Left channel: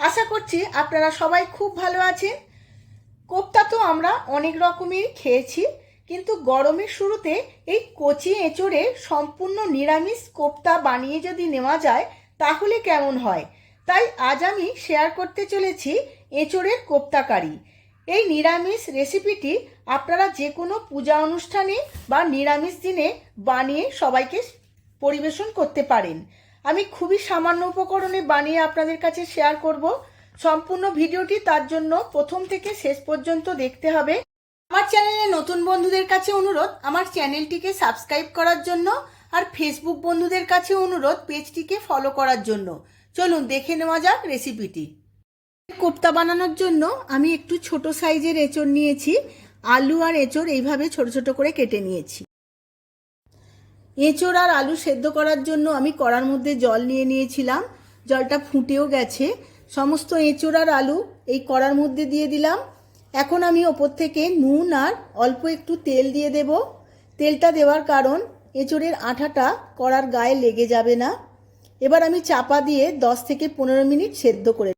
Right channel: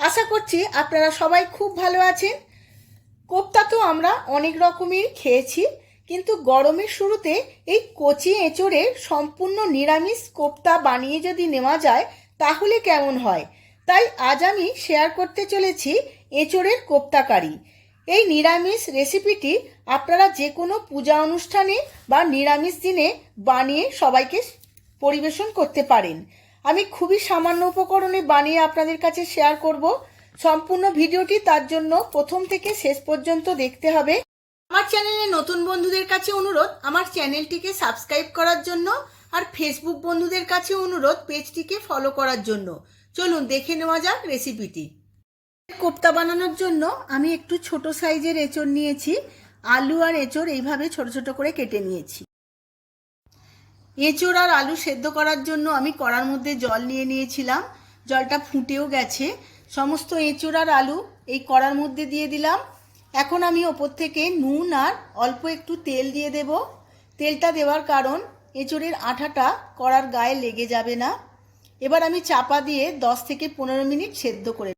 আশা করছি আপনারা সবাই খুব ভালো আছেন। কোপ্তা তো আমরা অনেক রকমের খেয়েছি, কিন্তু গরমের শুরুতে এই কচি এঁচোড়ের সম্পূর্ণ নিরামিষ কোপ্তা বানিয়ে যদি নেওয়া যায় তাহলে কেমন হয়। তাই আজ আমি শেয়ার করতে চলেছি এঁচোড়ের কোপ্তা কারি। এই নিরামিষ রেসিপিটি আপনারা যে কোনো পূজা অনুষ্ঠানে বা নিরামিষ দিনে বানিয়ে সবাইকে পরিবেশন করতে পারেন। আমি খুবই সামান্য উপকরণে বানিয়ে আপনাদের কাছে শেয়ার করব। সম্পূর্ণ ভিডিওটি তার জন্য প্রথম থেকে শেষ পর্যন্ত দেখতে হবে। আমার চ্যানেলে নতুন বন্ধুদের কাছে অনুরোধ আমার চ্যানেলটিকে সাবস্ক্রাইব করার জন্য, আর ফেসবুক বন্ধুদের কাছে অনুরোধ পেজটিকে ফলো করার জন্য। চলুন দেখে নেওয়া যাক রেসিপিটি। কোপ্তা বানানোর জন্য আমি একটু ছোট সাইজের এঁচড় নিয়েছি। আলু আর এঁচড় এইভাবে ছোট ছোট করে কেটে নিয়েছি। এঁচড় আর আলু সেদ্ধ করার জন্য আমি কড়ার মধ্যে জল নিয়ে নিয়েছিলাম। জলটা ফুটেও গেছে। সমস্ত এঁচড় আর আলু এই কড়ার মধ্যে দিয়ে দিলাম। এখন আমি ওপর থেকে নুন আর অল্প একটু তেল দিয়ে দেব। তেলটা দেওয়ার কারণ এঁচড়ের আঠাটা কড়ার গায়ে লেগে যাবে না। এবার আমি চাপা দিয়ে 10 থেকে 15 মিনিট সেদ্ধ করে।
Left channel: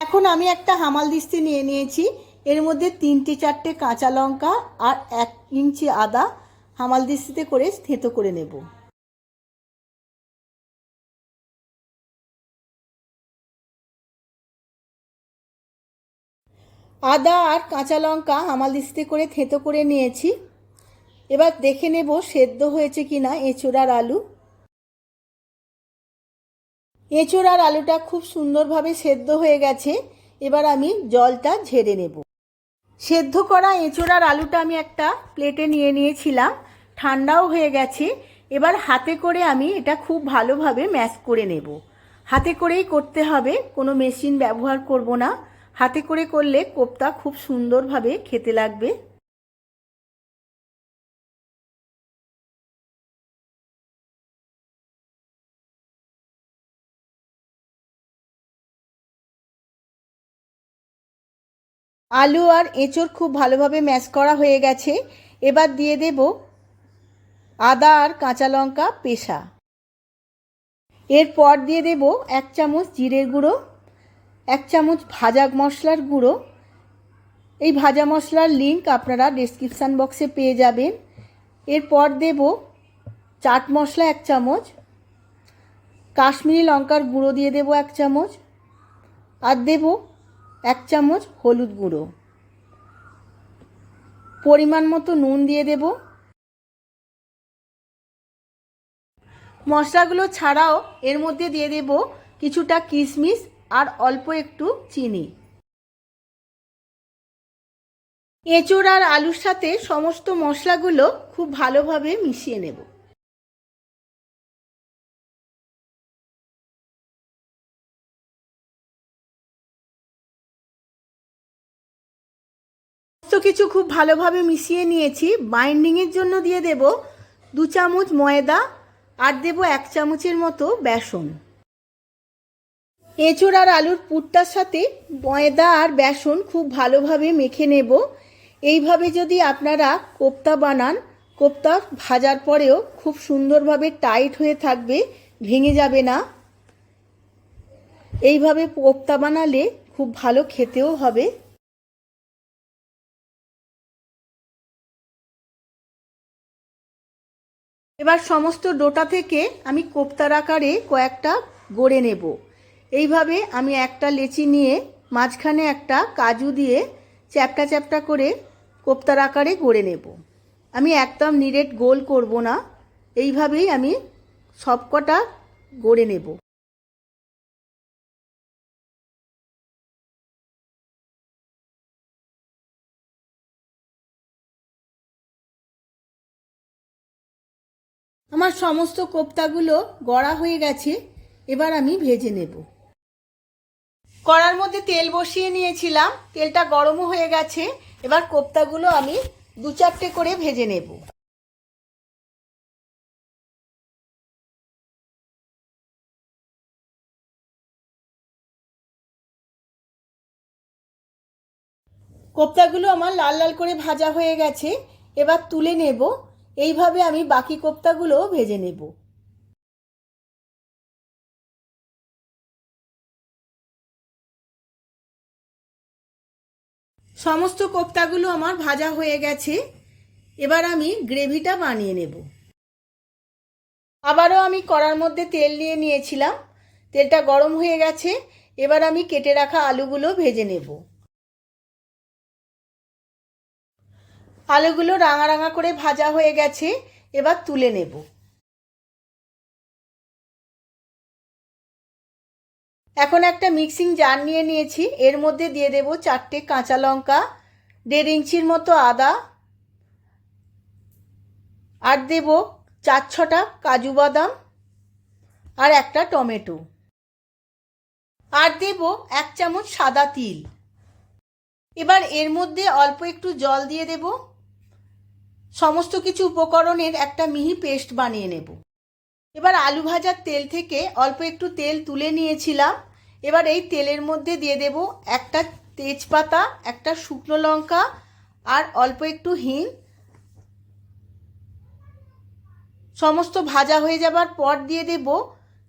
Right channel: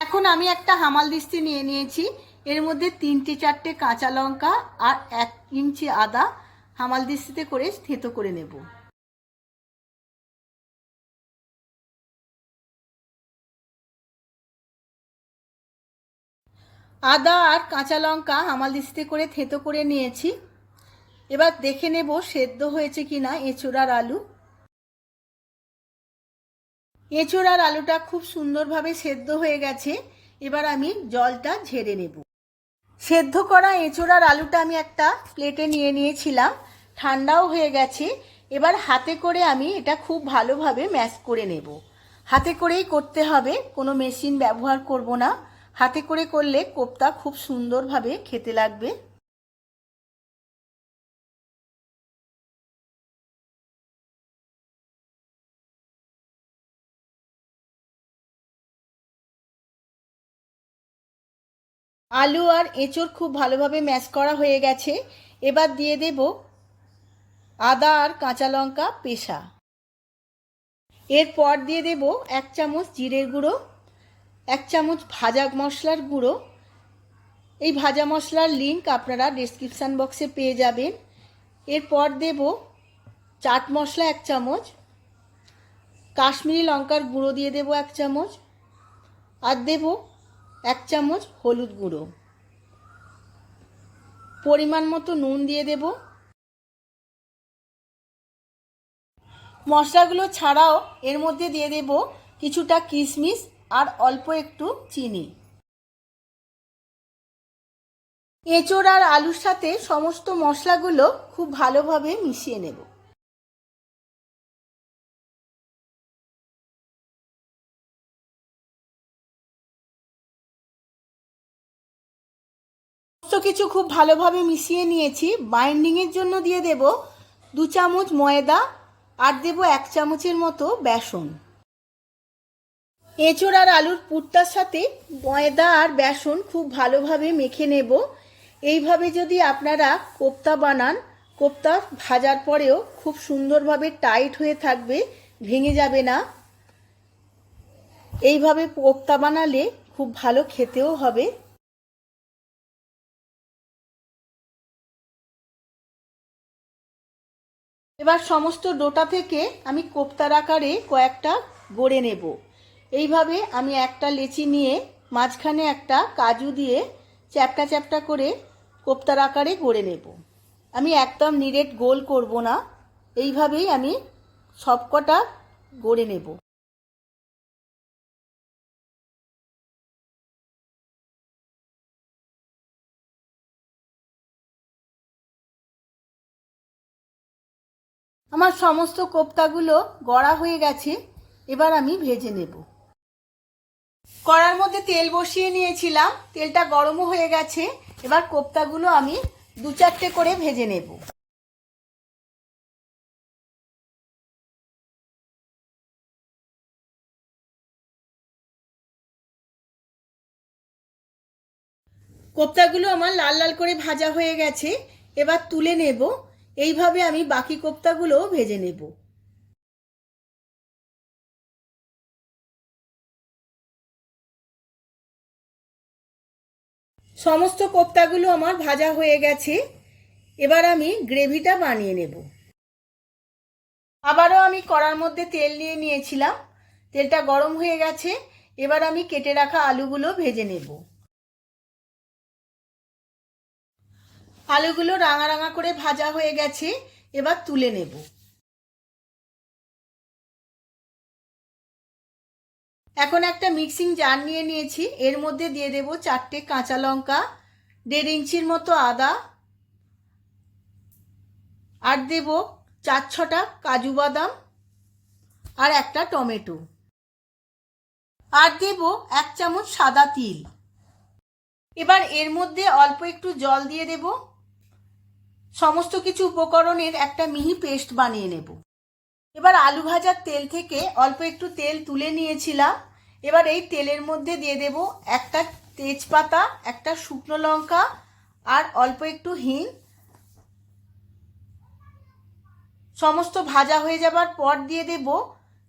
এখন আমি একটা হামাল দিস্তি নিয়ে নিয়েছি। এর মধ্যে 3-4টে কাঁচা লঙ্কা আর 1 ইঞ্চি আদা হামাল দিস্তিতে করে থেঁতো করে নেব। আদা আর কাঁচা লঙ্কা হামাল দিস্তিতে করে থেঁতো করে নিয়েছি। এবার দেখে নেব সেদ্ধ হয়েছে কিনা এঁচোড় আর আলু। এঁচোড় আর আলুটা খুব সুন্দরভাবে সেদ্ধ হয়ে গেছে। এবার আমি জলটা ঝেড়ে নেব। সেদ্ধ করা এঁচোড় আর আলুটা আমি একটা প্লেটে নিয়ে নিয়েছিলাম। ঠান্ডাও হয়ে গেছে। এবার হাতে করে আমি এটা খুব ভালোভাবে ম্যাশ করে নেব। হাতে করেই করতে হবে, কোনো মেশিন ব্যবহার করব না। হাতে করে করলে কোপ্তা খুব সুন্দরভাবে খেতে লাগবে। আলু আর এঁচড় খুব ভালোভাবে ম্যাশ করা হয়ে গেছে। এবার দিয়ে দেব আদা আর কাঁচা লঙ্কা পেষা। এরপর দিয়ে দেব 1 চামচ জিরের গুঁড়ো, 1 চামচ ভাজা মশলার গুঁড়ো। এই ভাজা মশলার লিঙ্ক আপনারা ডেসক্রিপশান বক্সে পেয়ে যাবেন। এরপর দেব চাট মশলা 1 চামচ, কাশ্মীরি লঙ্কার গুঁড়ো দিয়ে দেব 1 চামচ, আর দেব 1 চামচ হলুদ গুঁড়ো। পরিমাণ মতো নুন দিয়ে দেব। মশলাগুলো ছাড়াও এর মধ্যে দিয়ে দেব কিছুটা কিশমিশ আর অল্প একটু চিনি। এঁচোড় আর আলুর সাথে সমস্ত মশলাগুলো খুব ভালোভাবে মিশিয়ে নেব। সমস্ত কিছু খুব ভালোভাবে মিশিয়ে নিয়েছি। বাইন্ডিংয়ের জন্য দিয়ে দেব 2 চামচ ময়দা আর দেব 1 চামচের মতো বেসন। এঁচোড় আর আলুর পুরটার সাথে ময়দা আর বেসন খুব ভালোভাবে মেখে নেব। এইভাবে যদি আপনারা কোপ্তা বানান, কোপ্তা ভাজার পরেও খুব সুন্দরভাবে টাইট হয়ে থাকবে, ভেঙে যাবে না। এইভাবে কোপ্তা বানালে খুব ভালো খেতেও হবে। এবার সমস্ত ডোটা থেকে আমি কোপ্তার আকারে কয়েকটা গড়ে নেব। এইভাবে আমি একটা লেচি নিয়ে মাঝখানে একটা কাজু দিয়ে চ্যাপটা চ্যাপটা করে কোপ্তার আকারে গড়ে নেব। আমি একদম নিরেট গোল করব না, এইভাবেই আমি সবকটা গড়ে নেব। আমার সমস্ত কোপ্তাগুলো গড়া হয়ে গেছে। এবার আমি ভেজে নেব। কড়ার মধ্যে তেল বসিয়ে নিয়েছিলাম, তেলটা গরমও হয়ে গেছে। এবার কোপ্তাগুলো আমি 2-4টে করে ভেজে নেব। কোপ্তাগুলো আমার লাল লাল করে ভাজা হয়ে গেছে। এবার তুলে নেব। এইভাবে আমি বাকি কোপ্তাগুলোও ভেজে নেব। সমস্ত কোপ্তাগুলো আমার ভাজা হয়ে গেছে। এবার আমি গ্রেভিটা বানিয়ে নেব। আবারও আমি কড়ার মধ্যে তেল নিয়ে নিয়েছিলাম, তেলটা গরম হয়ে গেছে। এবার আমি কেটে রাখা আলুগুলো ভেজে নেব। আলুগুলো রাঙা রাঙা করে ভাজা হয়ে গেছে, এবার তুলে নেব। এখন একটা মিক্সিং জার নিয়ে নিয়েছি, এর মধ্যে দিয়ে দেব 4টে কাঁচা লঙ্কা, 1.5 ইঞ্চির মতো আদা, আর দেব 4-6টা কাজু বাদাম, আর একটা টমেটো, আর দেব 1 চামচ সাদা তিল। এবার এর মধ্যে অল্প একটু জল দিয়ে দেব। সমস্ত কিছু উপকরণের একটা মিহি পেস্ট বানিয়ে নেব। এবার আলু ভাজার তেল থেকে অল্প একটু তেল তুলে নিয়েছিলাম। এবার এই তেলের মধ্যে দিয়ে দেব একটা তেজপাতা, একটা শুকনো লঙ্কা, আর অল্প একটু হিং। সমস্ত ভাজা হয়ে যাবার পর দিয়ে দেব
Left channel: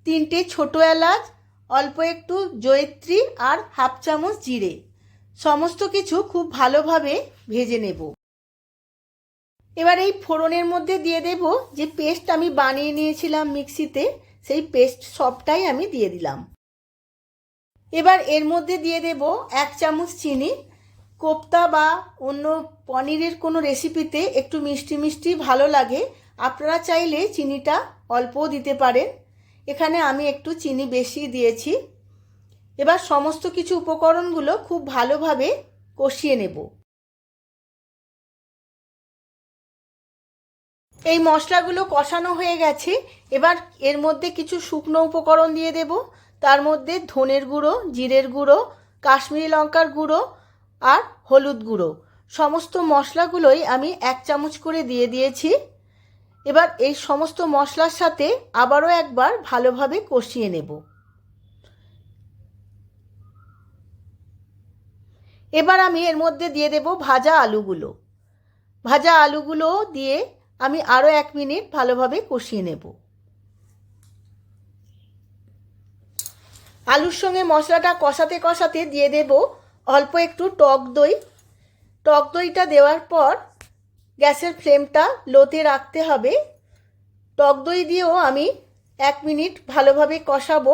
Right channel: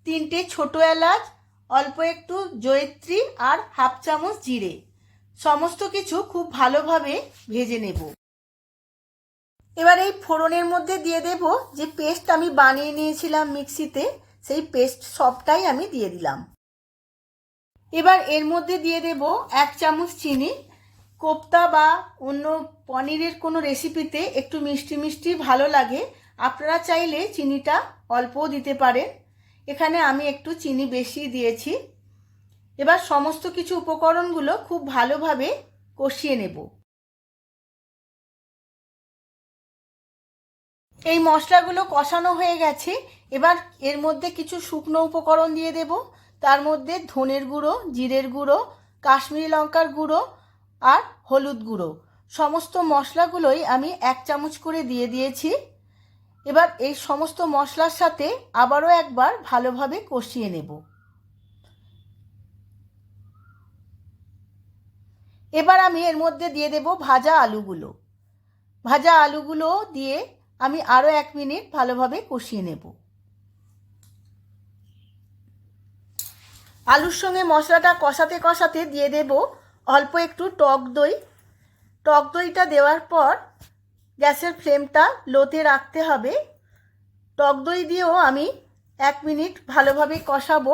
3টে ছোট এলাচ, অল্প একটু জয়িত্রী, আর 1/2 চামচ জিরে। সমস্ত কিছু খুব ভালোভাবে ভেজে নেব। এবার এই ফোড়নের মধ্যে দিয়ে দেব যে পেস্ট আমি বানিয়ে নিয়েছিলাম মিক্সিতে, সেই পেস্ট সবটাই আমি দিয়ে দিলাম। এবার এর মধ্যে দিয়ে দেব 1 চামচ চিনি। কোপ্তা বা অন্য পনিরের কোনো রেসিপিতে একটু মিষ্টি মিষ্টি ভালো লাগে, আপনারা চাইলে চিনিটা অল্পও দিতে পারেন। এখানে আমি একটু চিনি বেশি দিয়েছি। এবার সমস্ত কিছু উপকরণগুলো খুব ভালোভাবে কষিয়ে নেব। এই মশলাগুলো কষানো হয়ে গেছে। এবার এর মধ্যে কিছু শুকনো উপকরণ দিয়ে দেব। তার মধ্যে ধনের গুঁড়ো, জিরের গুঁড়ো, কাশ্মীরি লঙ্কার গুঁড়ো, আর হলুদ গুঁড়ো। সমস্ত মশলাগুলোই আমি 1 চামচ করে দিয়ে দিয়েছি। এবার এই সমস্ত মশলার সাথে আবারও একবার ভালোভাবে কষিয়ে নেব। এবার আমি এর মধ্যে দিয়ে দেব ভাজা আলুগুলো। ভাজা আলুগুলো দিয়ে আমি আরও 1 মিনিট ভালোভাবে কষিয়ে নেব। আলুর সঙ্গে মশলাটা কষাতে কষাতে দিয়ে দেব অল্প একটু টক দই। টক দইটা দেওয়ার পর গ্যাসের ফ্লেমটা লোতে রাখতে হবে। টক দই দিয়েও আমি 1 মিনিট ভালোভাবে কষাবো।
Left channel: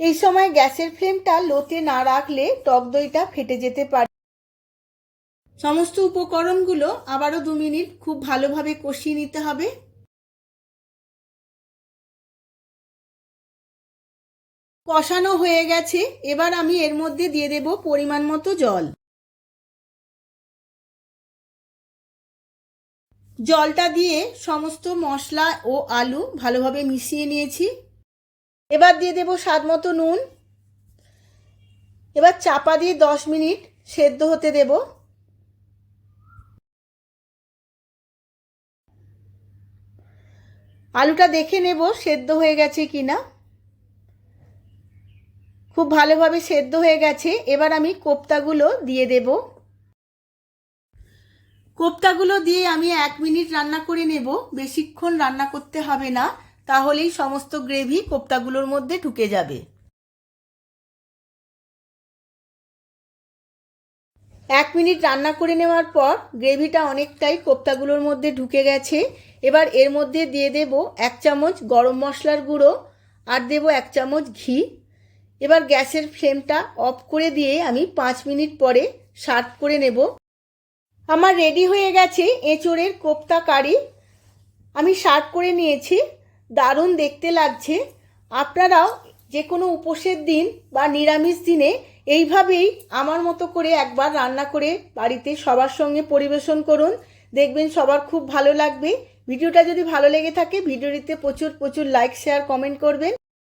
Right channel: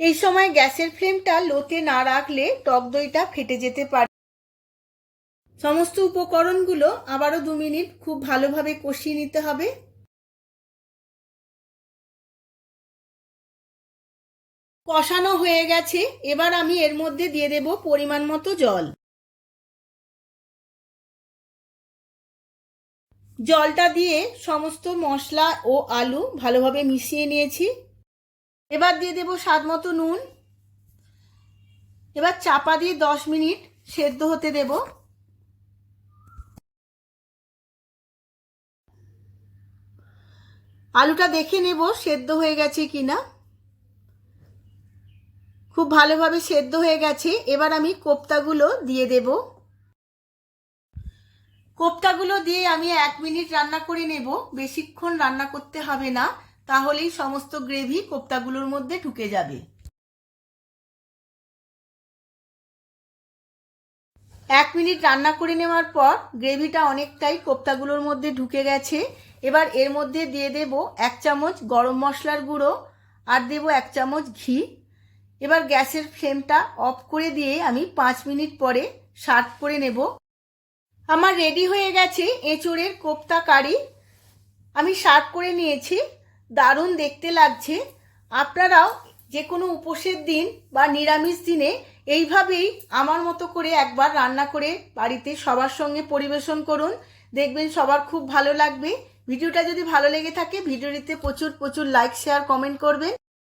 এই সময় গ্যাসের ফ্লেমটা লোতে না রাখলে টক দইটা ফেটে যেতে পারে। সমস্ত উপকরণগুলো আবারও 2 মিনিট খুব ভালোভাবে কষিয়ে নিতে হবে। কষানো হয়ে গেছে। এবার আমি এর মধ্যে দিয়ে দেব পরিমাণ মতো জল। জলটা দিয়ে সমস্ত মশলা ও আলু ভালোভাবে মিশিয়ে নিয়েছি। এবার দিয়ে দেব স্বাদ মতো নুন। এবার চাপা দিয়ে 10 মিনিট সেদ্ধ হতে দেব। আলুটা দেখে নেব সেদ্ধ হয়ে গেছে কিনা। খুব ভালোভাবে সেদ্ধ হয়ে গেছে। এবার আমি কোপ্তাগুলো দিয়ে দেব। কোপ্তাগুলো দিয়ে আমি 1 মিনিট রান্না করে নেব। বেশিক্ষণ রান্না করতে হবে না, তাহলেই সমস্ত গ্রেভি কোপ্তাগুলোর মধ্যে ঢুকে যাবে। 1 মিনিট রান্না করে নেওয়ার পর গ্রেভিটা অনেকটাই কোপ্তাগুলোর মধ্যে ঢুকে গেছে। এবার এর মধ্যে দিয়ে দেব 1 চামচ গরম মশলার গুঁড়ো, আর দেব 1 চামচ ঘি। এবার গ্যাসের ফ্লেমটা অফ করে দিয়ে আমি 5 মিনিট পরে সার্ভ করে নেব। আমার রেডি হয়ে গেছে এঁচোড়ের কোপ্তা কারি। আমি সার্ভ করে নিয়েছি। দারুণ দেখতে লাগছে। আপনারাও যে কোনো উপোসের দিন বা নিরামিষ দিনে এইভাবেই আমার মতো করে একবার রান্না করে বাড়িতে সবার সঙ্গে পরিবেশন করুন। দেখবেন সবার খুব ভালো লাগবে। ভিডিওটা যদি ভালো লেগে থাকে ভিডিওটিতে প্রচুর লাইক, শেয়ার, কমেন্ট করবেন।